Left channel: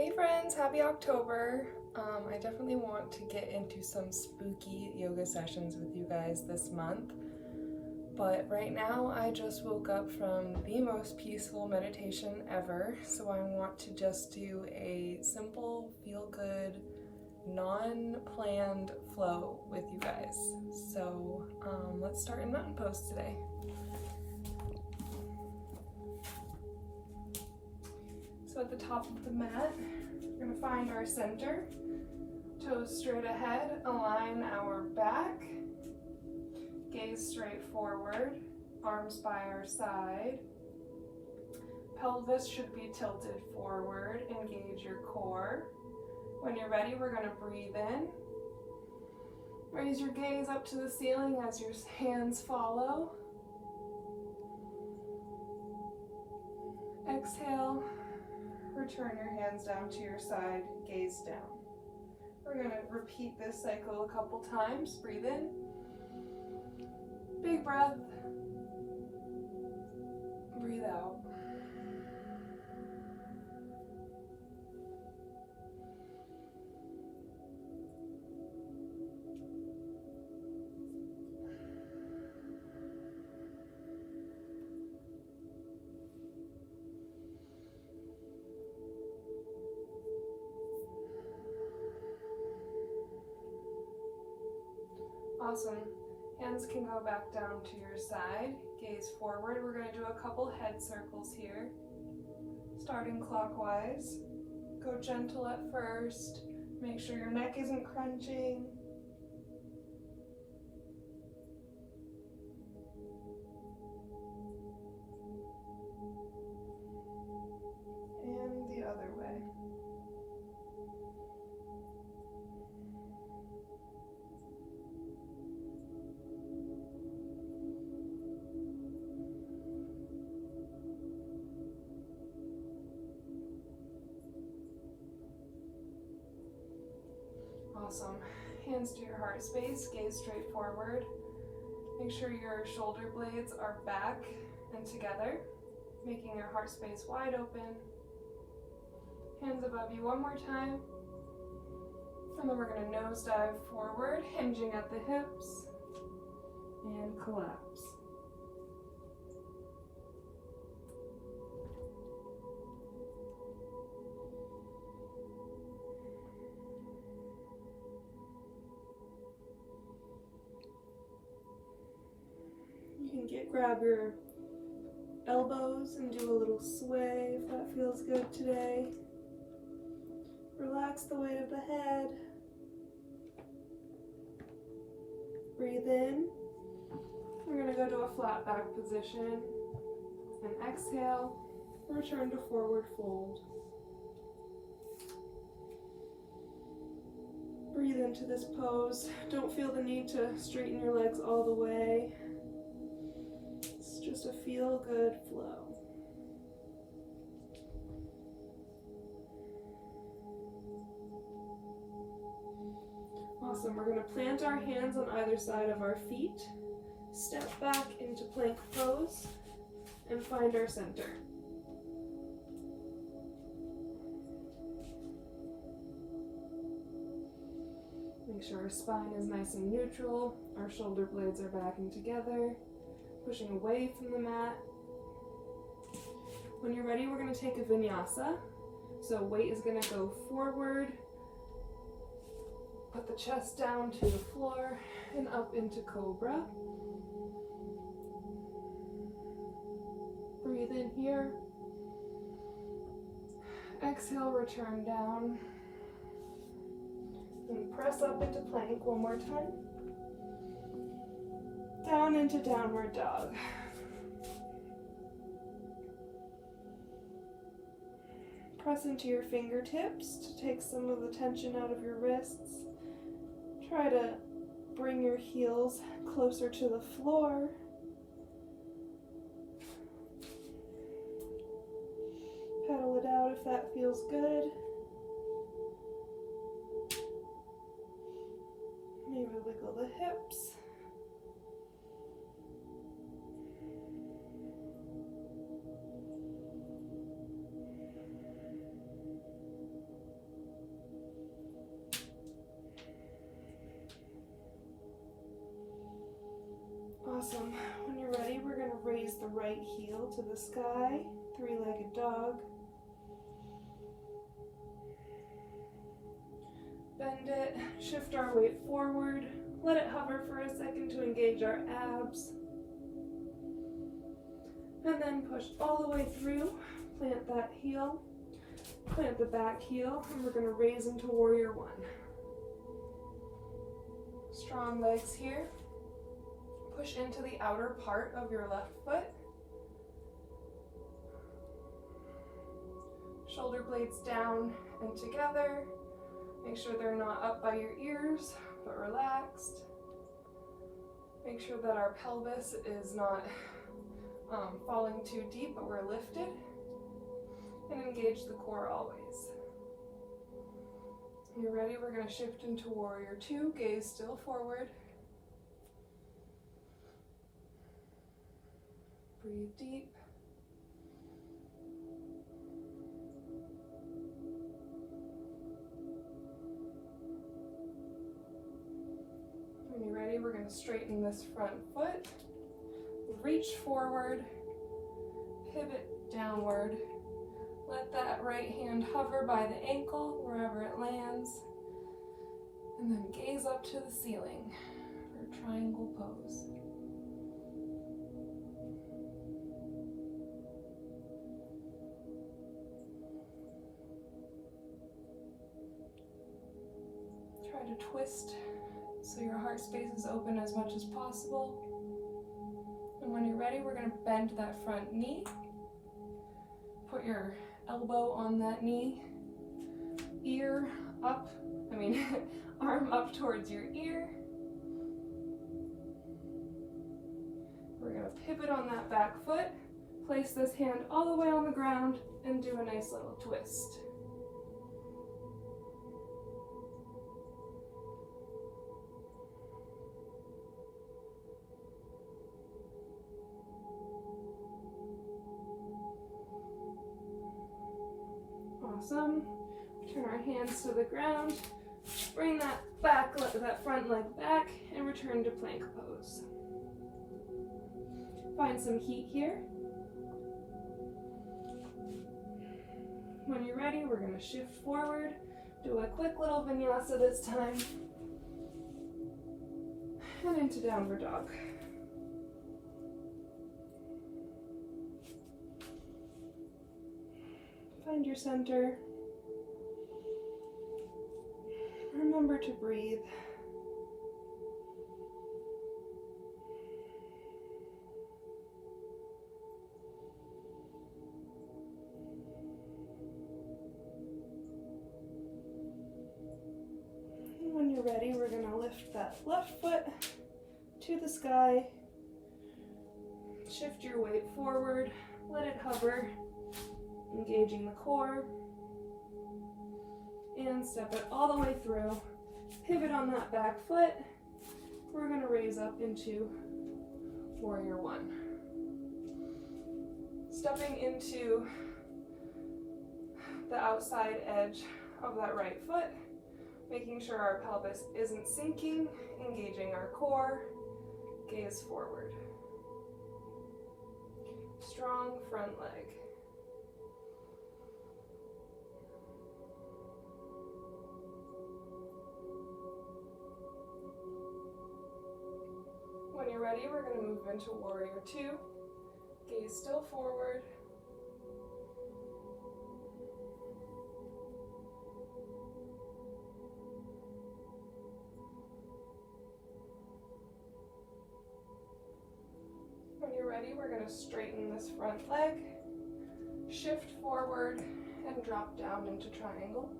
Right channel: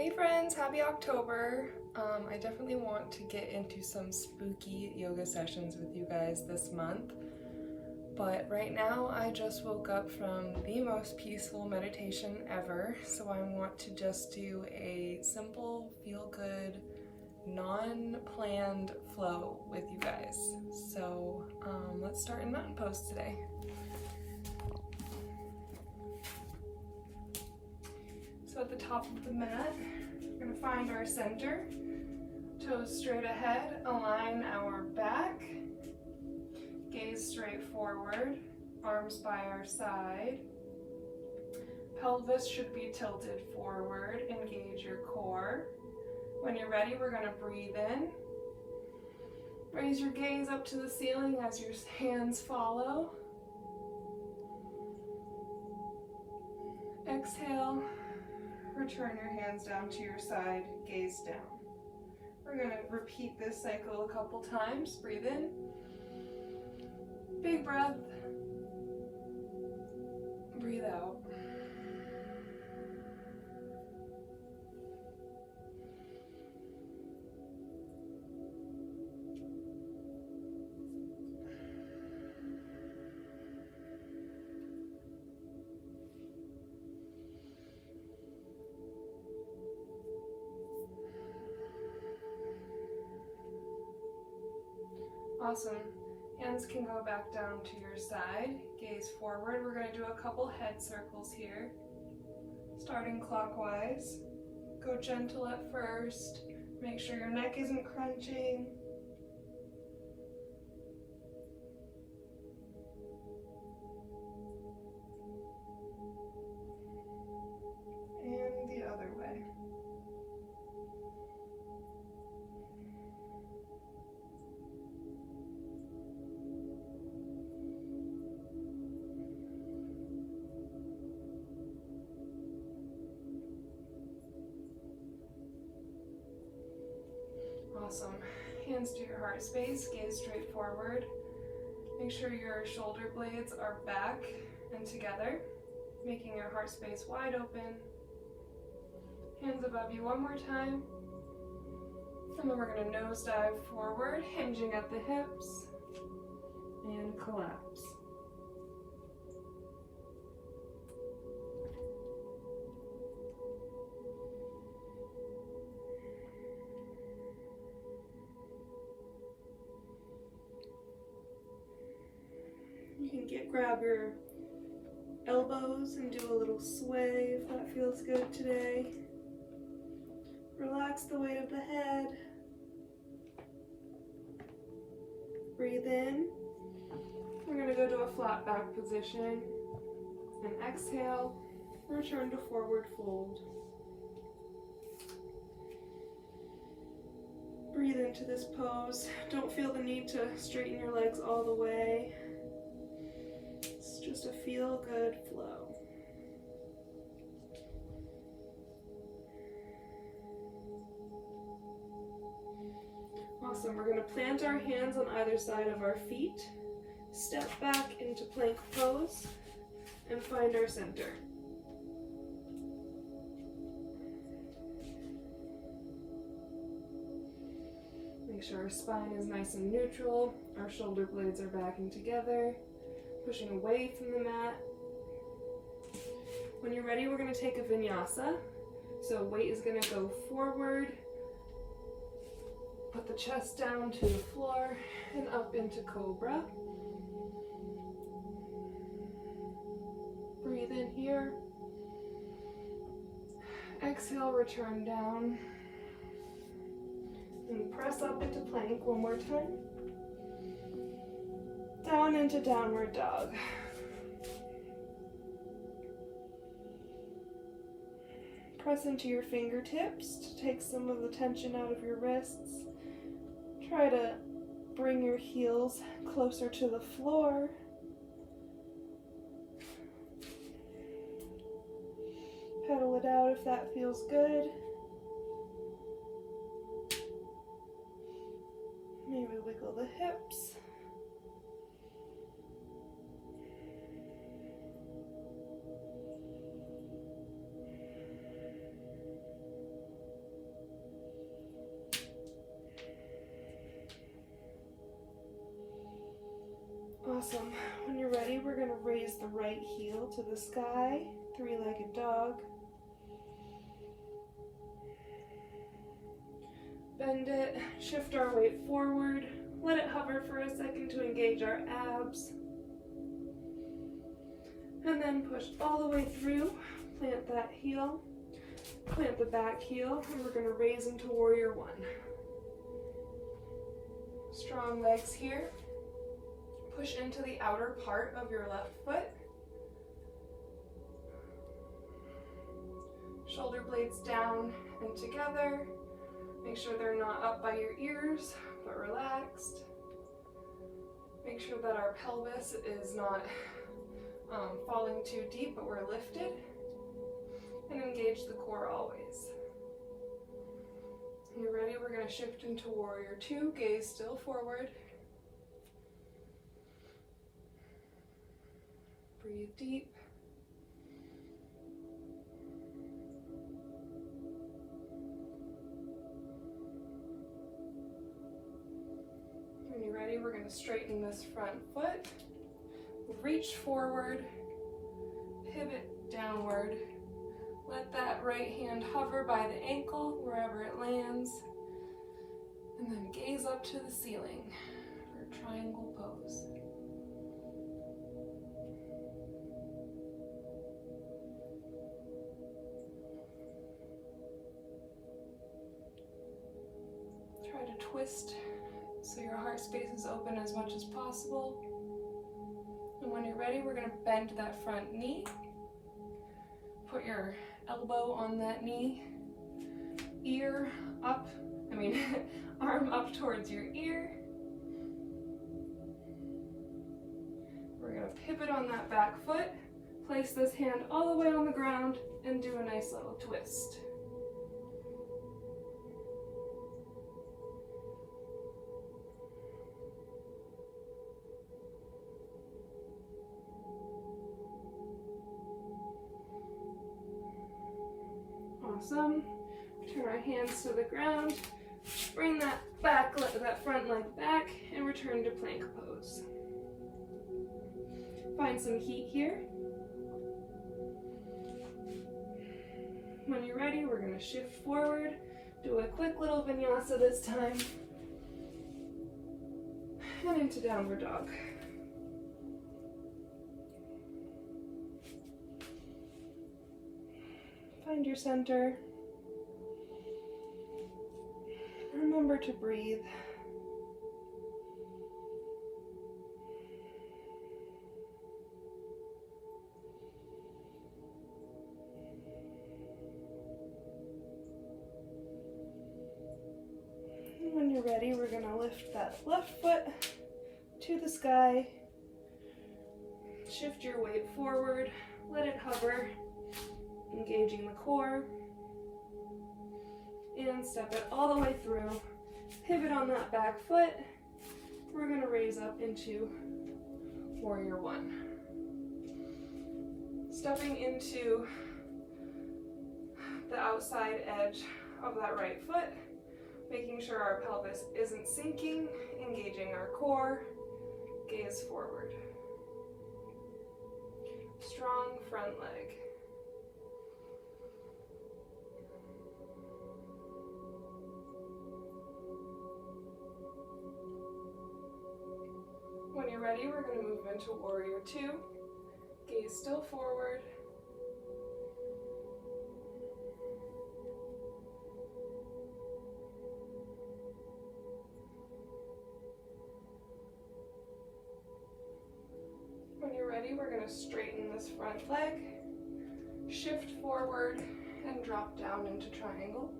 Hey friends, happy October. I definitely want to get into some spooky yoga sessions with you guys this month. But right now I just woke up from the most peaceful meditation ever, so I want to just do a simple, feel-good, non-planned flow with you guys. So let's start in mountain pose today. So at the top of the mat, we're going to find our center, toes straight ahead, align our back, gaze straight forward, arms by our side. Pelvis should be tilted forward, engage your core. When you're ready, we're going to breathe in. Raise your gaze up to the ceiling as your hands follow. Exhale. Return your hands down to your side, gaze down. We're going to repeat this cycle a couple times. Breathe in. Big breath. Breathe out. Awesome. Hands can go back down to your side. Gaze forward. We're going to do a couple head circles here. Starting clockwise. Go gentle at first. Make sure your neck isn't crunching. And the other way. Awesome. Hands to your heart space, gaze straight forward. Make sure your shoulder blades are back and together, making your heart space wide open. Hands above you one more time. And then we're going to nose dive forward, hinging at the hips, and collapse. You can grab your elbows and do a little sway if that feels good today. Relax the weight of the head. Breathe in. We're going to go to a flat back position. And exhale, return to forward fold. Breathe into this pose. Don't feel the need to straighten your legs all the way. Just a feel-good flow. Awesome. We're going to plant our hands on either side of our feet, step back into plank pose, and find our center. Make sure our spine is nice and neutral, our shoulder blades are backing together. Pushing away from the mat. When you're ready, we're going to take a vinyasa. So weight is going to go forward. Put the chest down to the floor and up into cobra. Breathe in here. Exhale, return down. And press up into plank one more time. Down into downward dog. Press into your fingertips to take some of the tension out of your wrists. Try to bring your heels closer to the floor. Pedal it out if that feels good. Maybe wiggle the hips. Awesome. When you're ready, we're going to raise the right heel to the sky, three-legged dog. Bend it, shift our weight forward, let it hover for a second to engage our abs. And then push all the way through, plant that heel, plant the back heel, and we're going to raise into warrior one. Strong legs here. Push into the outer part of your left foot. Shoulder blades down and together. Make sure they're not up by your ears, but relaxed. Make sure that our pelvis is not falling too deep, but we're lifted. And engage the core always. When you're ready, we're going to shift into warrior two, gaze still forward. Breathe deep. When you're ready, we're going to straighten this front foot, reach forward, pivot downward. Let that right hand hover by the ankle, wherever it lands, and then gaze up to the ceiling for triangle pose. Try to twist so your heart space is open as much as possible. And when you're ready, we're going to bend that front knee. Put your elbow on that knee, arm up towards your ear. We're going to pivot on that back foot, place this hand all the way on the ground, and do a nice little twist. Awesome. Turn our hands to the ground, bring that front leg back, and return to plank pose. Find some heat here. When you're ready, we're going to shift forward, do a quick little vinyasa this time, and into downward dog. Find your center. Remember to breathe. And when you're ready, we're going to lift that left foot to the sky. Shift your weight forward. Let it hover, engaging the core, and step it all the way through. Pivot on that back foot. We're going to raise up into warrior one. Stepping into the outside edge of that right foot, making sure our pelvis isn't sinking, engaging our core, gaze forward. Strong front leg. When you're ready, we're going to move into warrior two. Gaze still forward. When you're ready, we're going to straighten this front leg, shift forward, and drop down into triangle.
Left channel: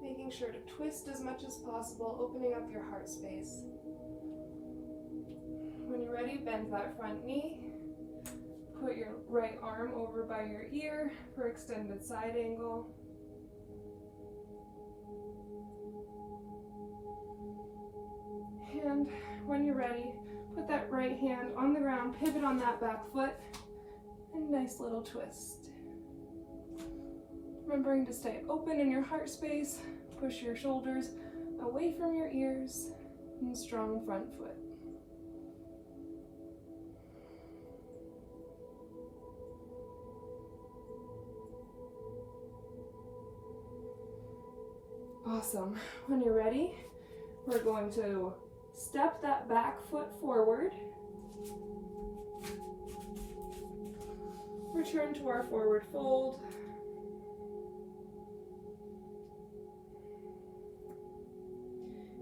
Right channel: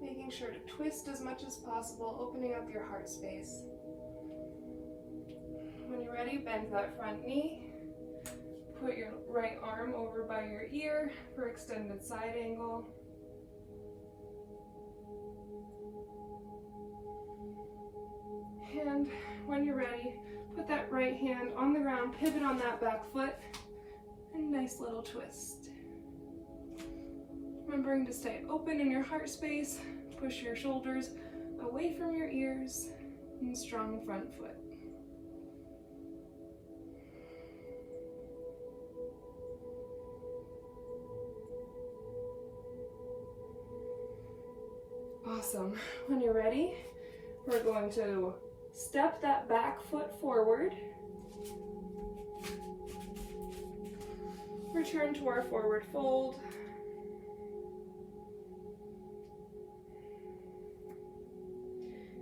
Making sure to twist as much as possible, opening up your heart space. When you're ready, bend that front knee. Put your right arm over by your ear for extended side angle. And when you're ready, Put that right hand on the ground, pivot on that back foot, and nice little twist. Remembering to stay open in your heart space, push your shoulders away from your ears, and strong front foot. Awesome. When you're ready, we're going to step that back foot forward. Return to our forward fold.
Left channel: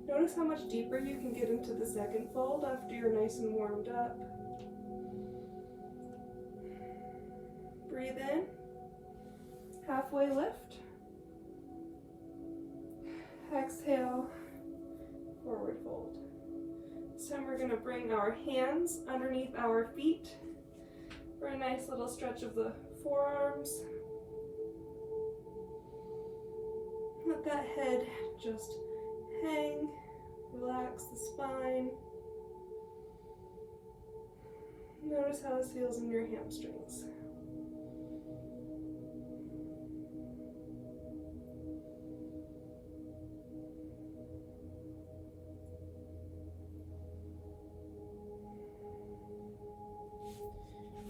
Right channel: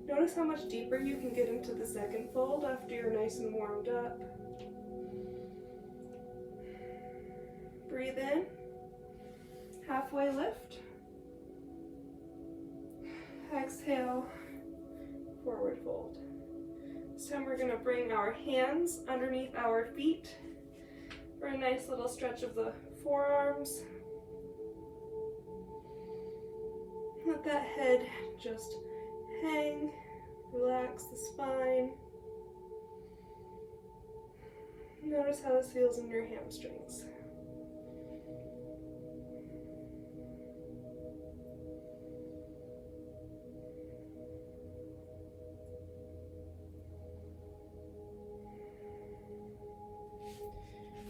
Notice how much deeper you can get into the second fold after you're nice and warmed up. Breathe in, halfway lift. Exhale, forward fold. This time we're going to bring our hands underneath our feet for a nice little stretch of the forearms. Let that head just hang, relax the spine. Notice how this feels in your hamstrings.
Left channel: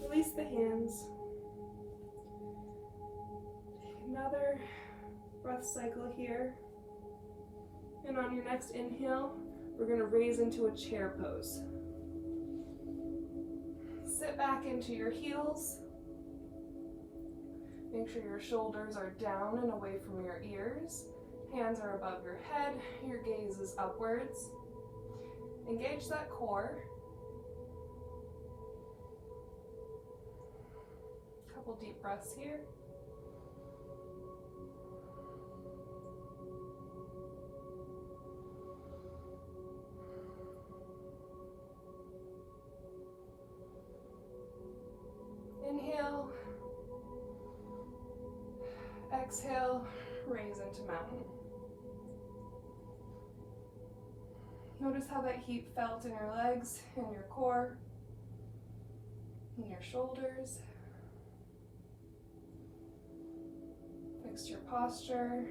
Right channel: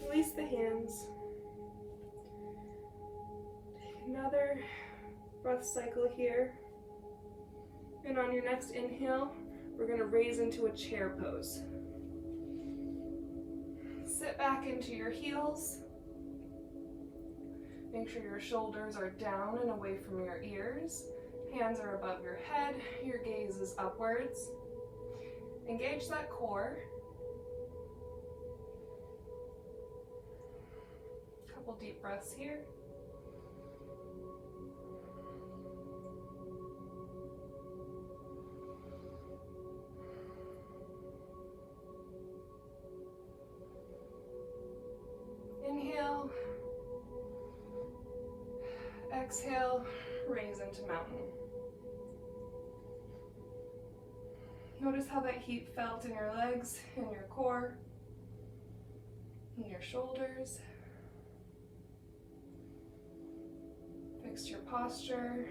Release the hands. Take another breath cycle here. And on your next inhale, we're going to raise into a chair pose. Sit back into your heels. Make sure your shoulders are down and away from your ears. Hands are above your head. Your gaze is upwards. Engage that core. Couple deep breaths here. Inhale, exhale, raise into mountain. Notice how that heat felt in your legs, in your core, in your shoulders. Fix your posture.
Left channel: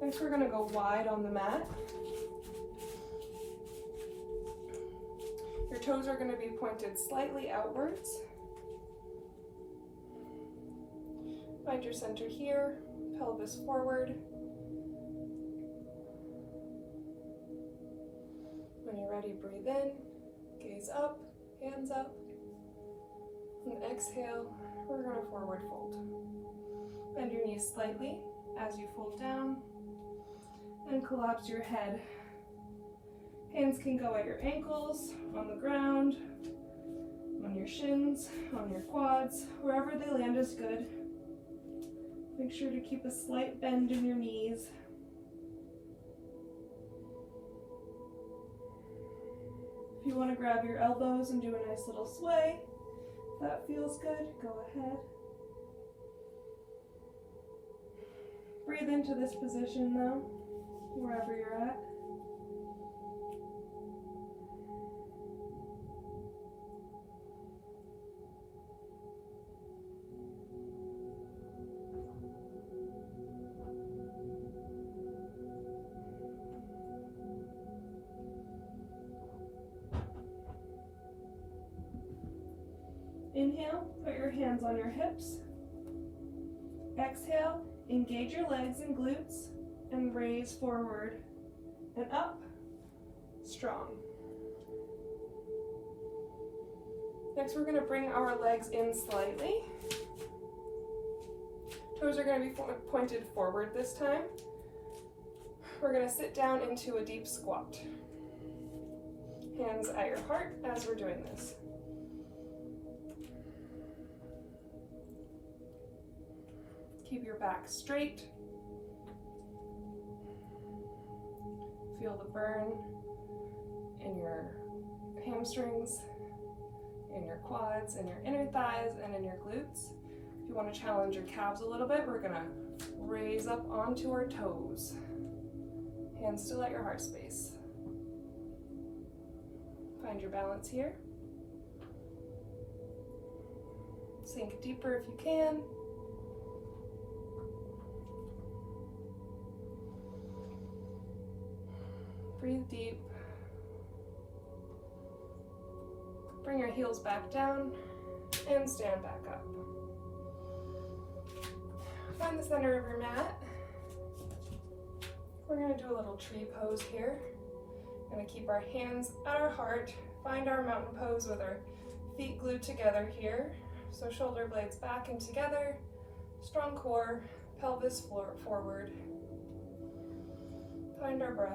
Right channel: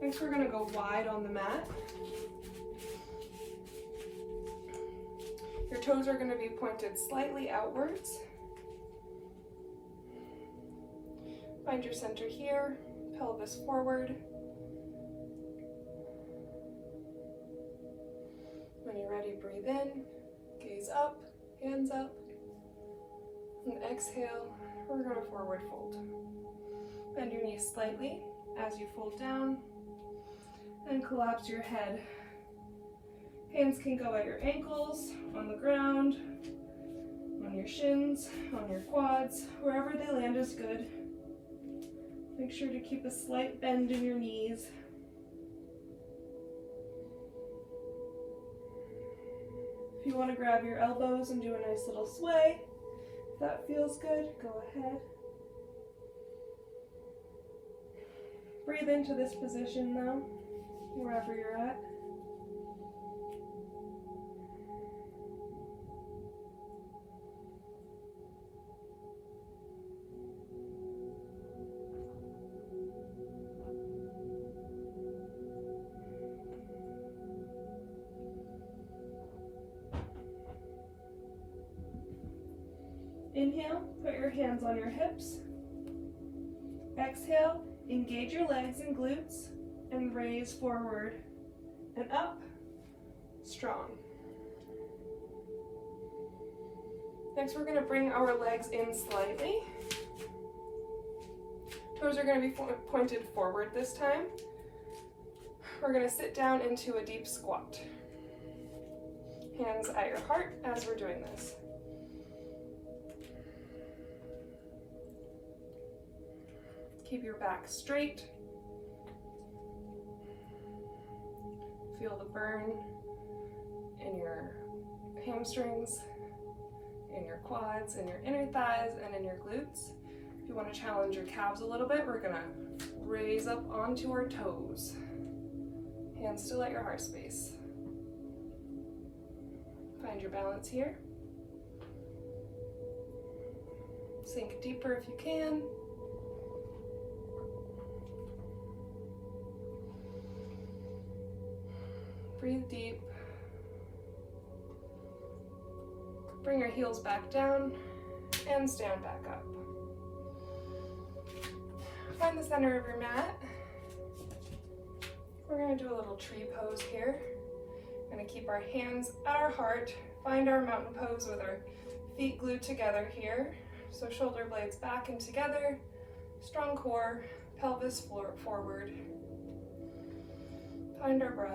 Next, we're going to go wide on the mat. Your toes are going to be pointed slightly outwards. Find your center here, pelvis forward. When you're ready, breathe in, gaze up, hands up, and exhale, we're going to forward fold. Bend your knees slightly as you fold down, and collapse your head. Hands can go at your ankles, on the ground, on your shins, on your quads, wherever they land is good. Make sure to keep a slight bend in your knees. If you want to grab your elbows and do a nice little sway, if that feels good, go ahead. Breathe into this position now, wherever you're at. Inhale, put your hands on your hips. Exhale, engage your legs and glutes and raise forward and up, strong. Next, we're going to bring our legs in slightly. Toes are going to be pointed forward this time. We're going to sit down into a deep squat. Hands at your heart as we're doing this. Keep your back straight. Feel the burn in your hamstrings, in your quads, in your inner thighs, and in your glutes. If you want to challenge your calves a little bit, we're gonna raise up onto our toes. Hands still at your heart space. Find your balance here. Sink deeper if you can. Breathe deep. Bring your heels back down and stand back up. Find the center of your mat. We're going to do a little tree pose here. We're going to keep our hands at our heart. Find our mountain pose with our feet glued together here. So shoulder blades back and together. Strong core, pelvis forward. Find our breath.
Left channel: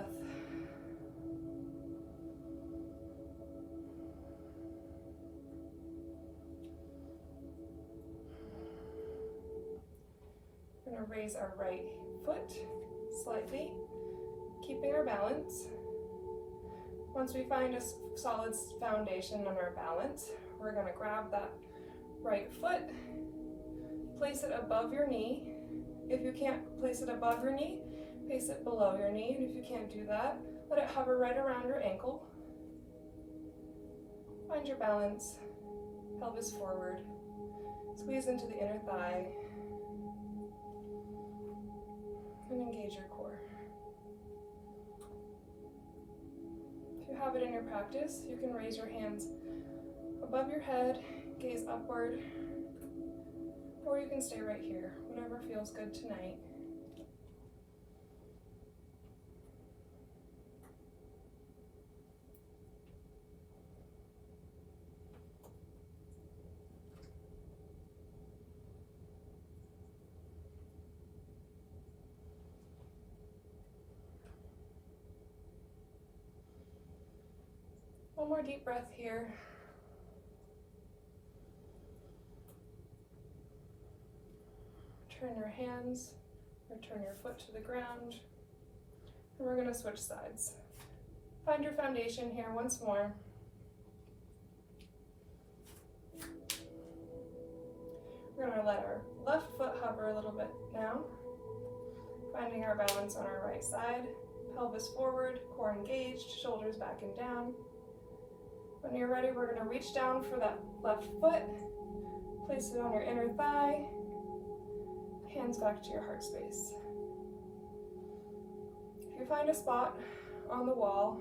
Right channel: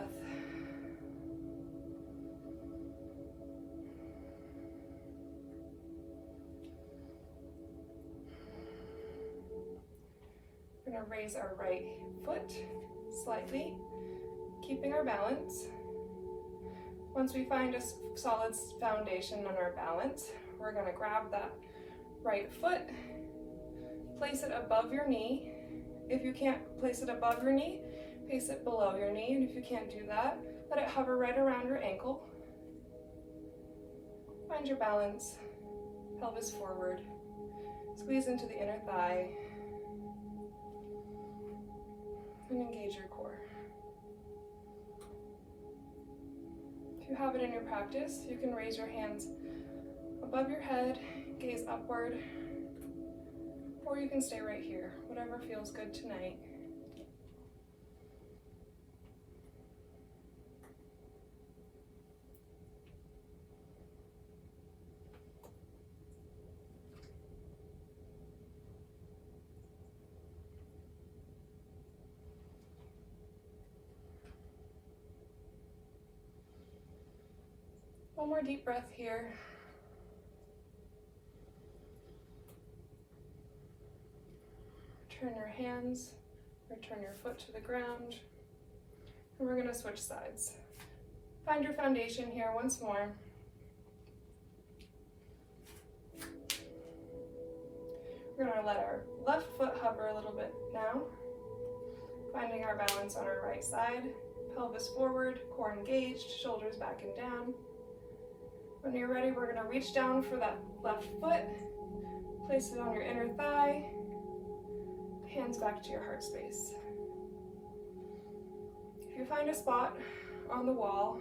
We're going to raise our right foot slightly, keeping our balance. Once we find a solid foundation on our balance, we're going to grab that right foot, place it above your knee. If you can't place it above your knee, place it below your knee, and if you can't do that, let it hover right around your ankle. Find your balance, pelvis forward, squeeze into the inner thigh, and engage your core. If you have it in your practice, you can raise your hands above your head, gaze upward, or you can stay right here, whatever feels good tonight. One more deep breath here. Turn your hands, return your foot to the ground, and we're going to switch sides. Find your foundation here once more. We're going to let our left foot hover a little bit now, finding our balance on our right side, pelvis forward, core engaged, shoulders back and down. When you're ready, we're going to reach down for that left foot, place it on your inner thigh, hands back to your heart space. If you find a spot on the wall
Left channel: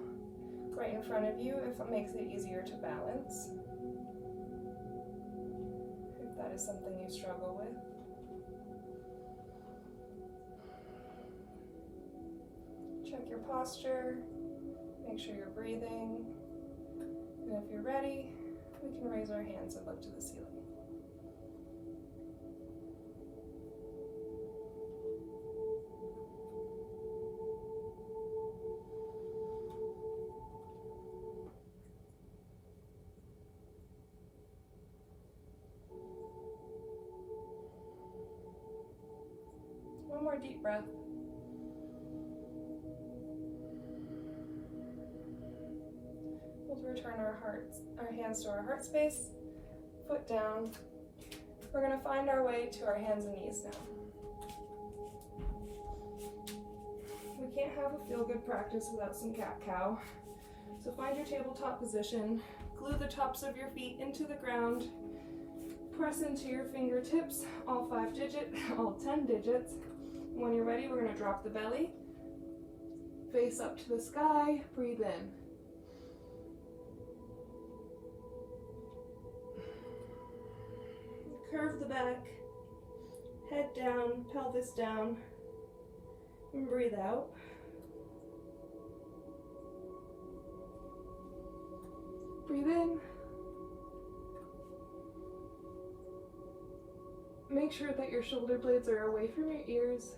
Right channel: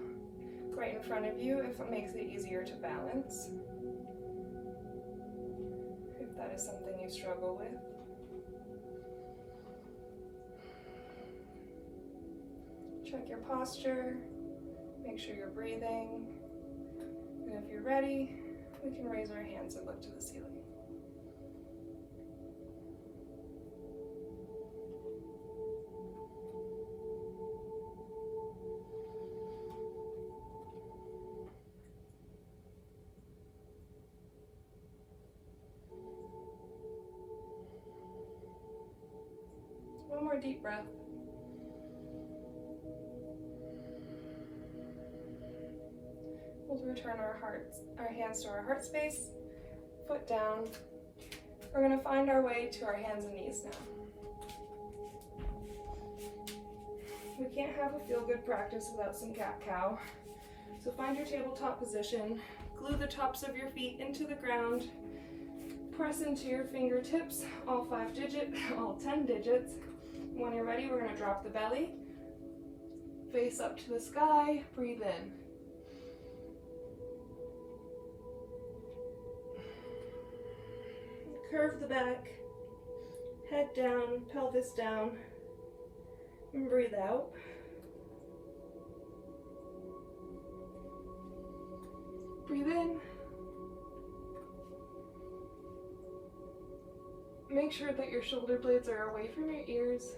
right in front of you, if it makes it easier to balance, if that is something you struggle with. Check your posture, make sure you're breathing. And if you're ready, we can raise our hands and look to the ceiling. One more deep breath. We'll return our hands to our heart space, foot down. We're going to find our way to our hands and knees now. We can't have a feel-good practice without some cat-cow. So find your tabletop position, glue the tops of your feet into the ground, press into your fingertips, all 10 digits. When you're ready, we're going to drop the belly, face up to the sky, breathe in. Curve the back, head down, pelvis down, and breathe out. Breathe in. Make sure that your shoulder blades are away from your ears.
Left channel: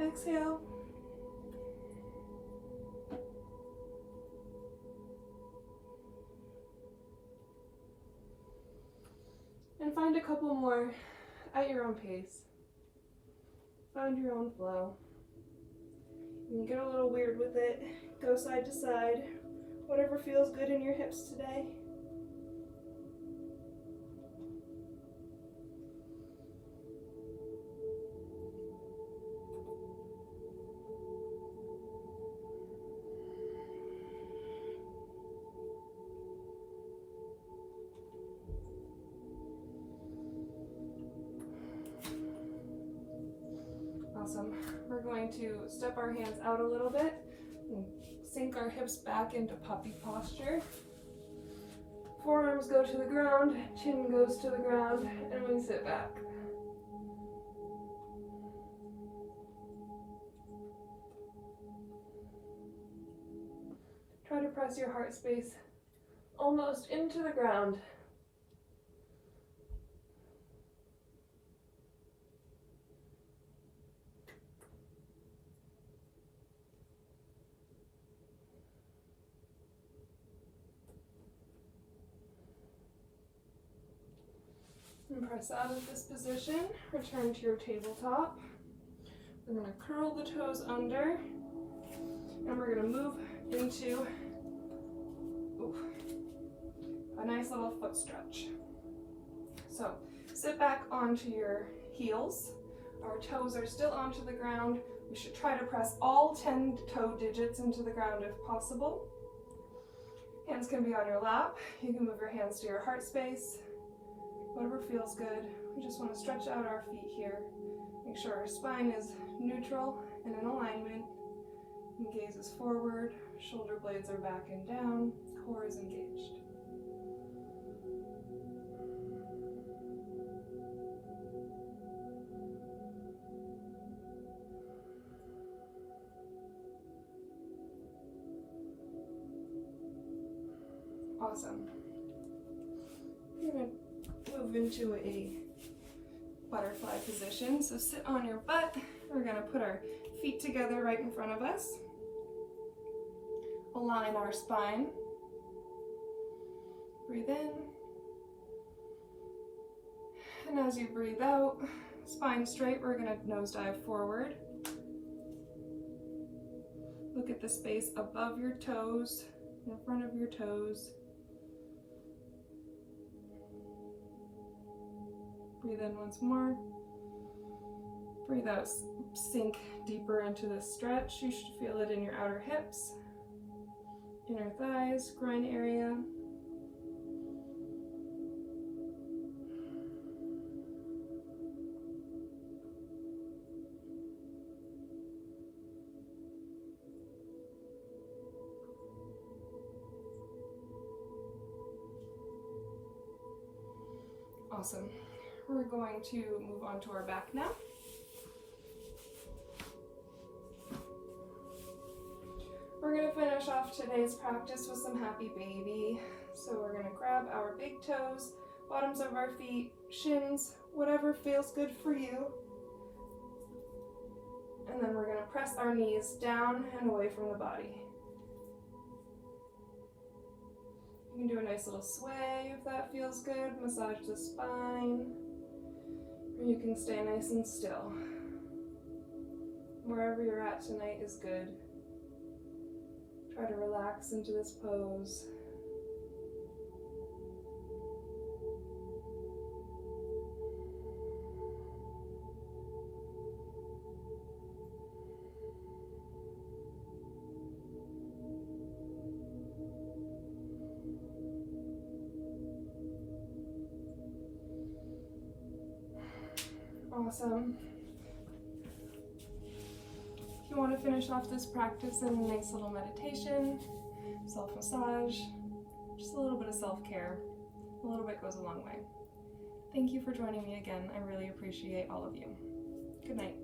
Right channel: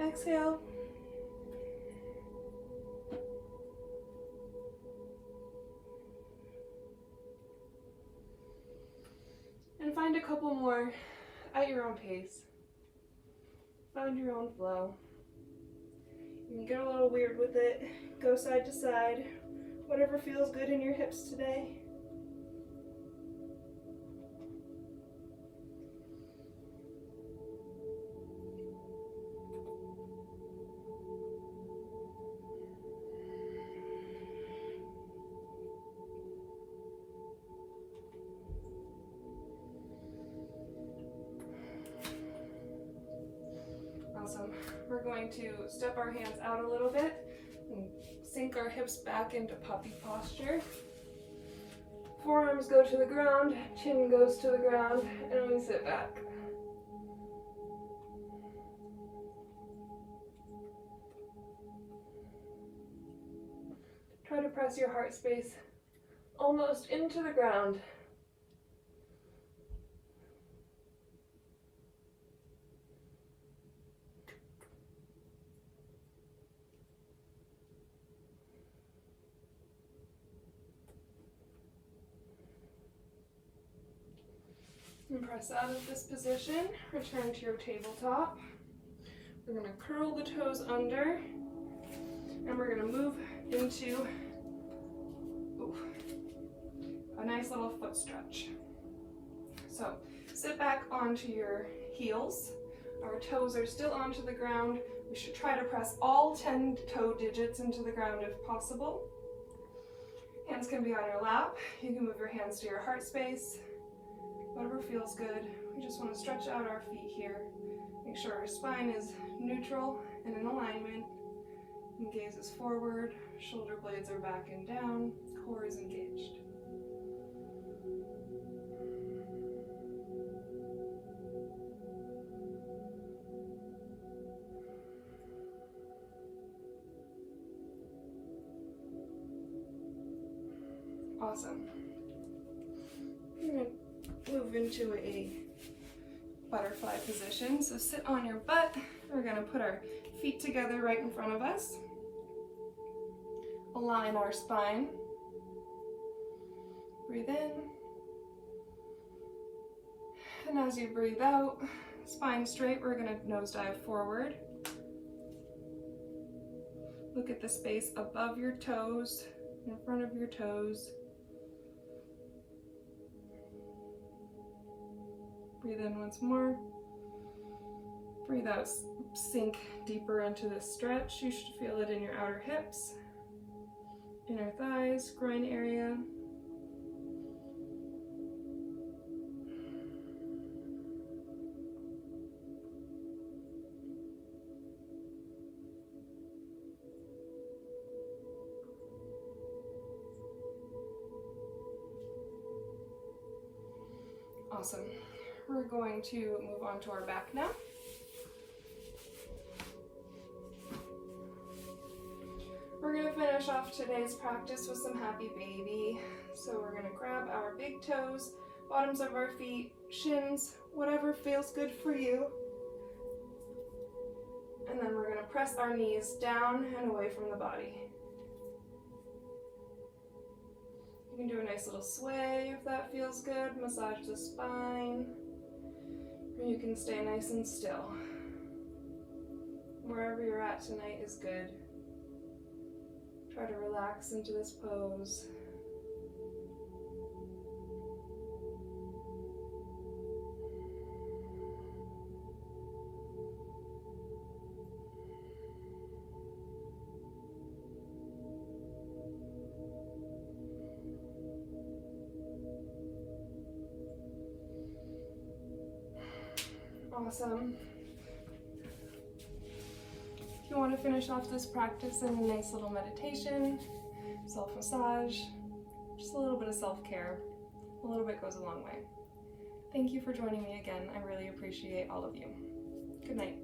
Exhale. And find a couple more at your own pace. Find your own flow. You can get a little weird with it. Go side to side. Whatever feels good in your hips today. Awesome. We're going to step our hands out a little bit and sink our hips back into puppy posture. Forearms go to the ground, chin goes to the ground, and we sit back. Try to press your heart space almost into the ground. And press out of this position, return to your tabletop. We're going to curl the toes under, and we're going to move into a nice little foot stretch. So sit back onto your heels. Our toes are still onto the ground. We should try to press all 10 toe digits into the ground if possible. Hands can be on your lap. You can move your hands to your heart space. Whatever feels good. We just want to stretch out our feet here. Make sure our spine is neutral and in alignment. And gaze is forward, shoulder blades are back and down, core is engaged. Awesome. We're going to move into a butterfly position. So sit on your butt. We're going to put our feet together right in front of us. Align our spine. Breathe in. And as you breathe out, spine straight, we're going to nosedive forward. Look at the space above your toes, in front of your toes. Breathe in once more. Breathe out, sink deeper into this stretch. You should feel it in your outer hips, inner thighs, groin area. Awesome. We're going to move on to our back now. We're going to finish off today's practice with some happy baby. So we're going to grab our big toes, bottoms of our feet, shins, whatever feels good for you. And then we're going to press our knees down and away from the body. You can do a nice little sway if that feels good. Massage the spine. Or you can stay nice and still. Wherever you're at tonight is good. Try to relax into this pose. Awesome. If you want to finish off this practice in a nice little meditation, self-massage, just a little bit of self-care, a little bit goes a long way. Thank you for joining me again. I really appreciate all of you. Good night.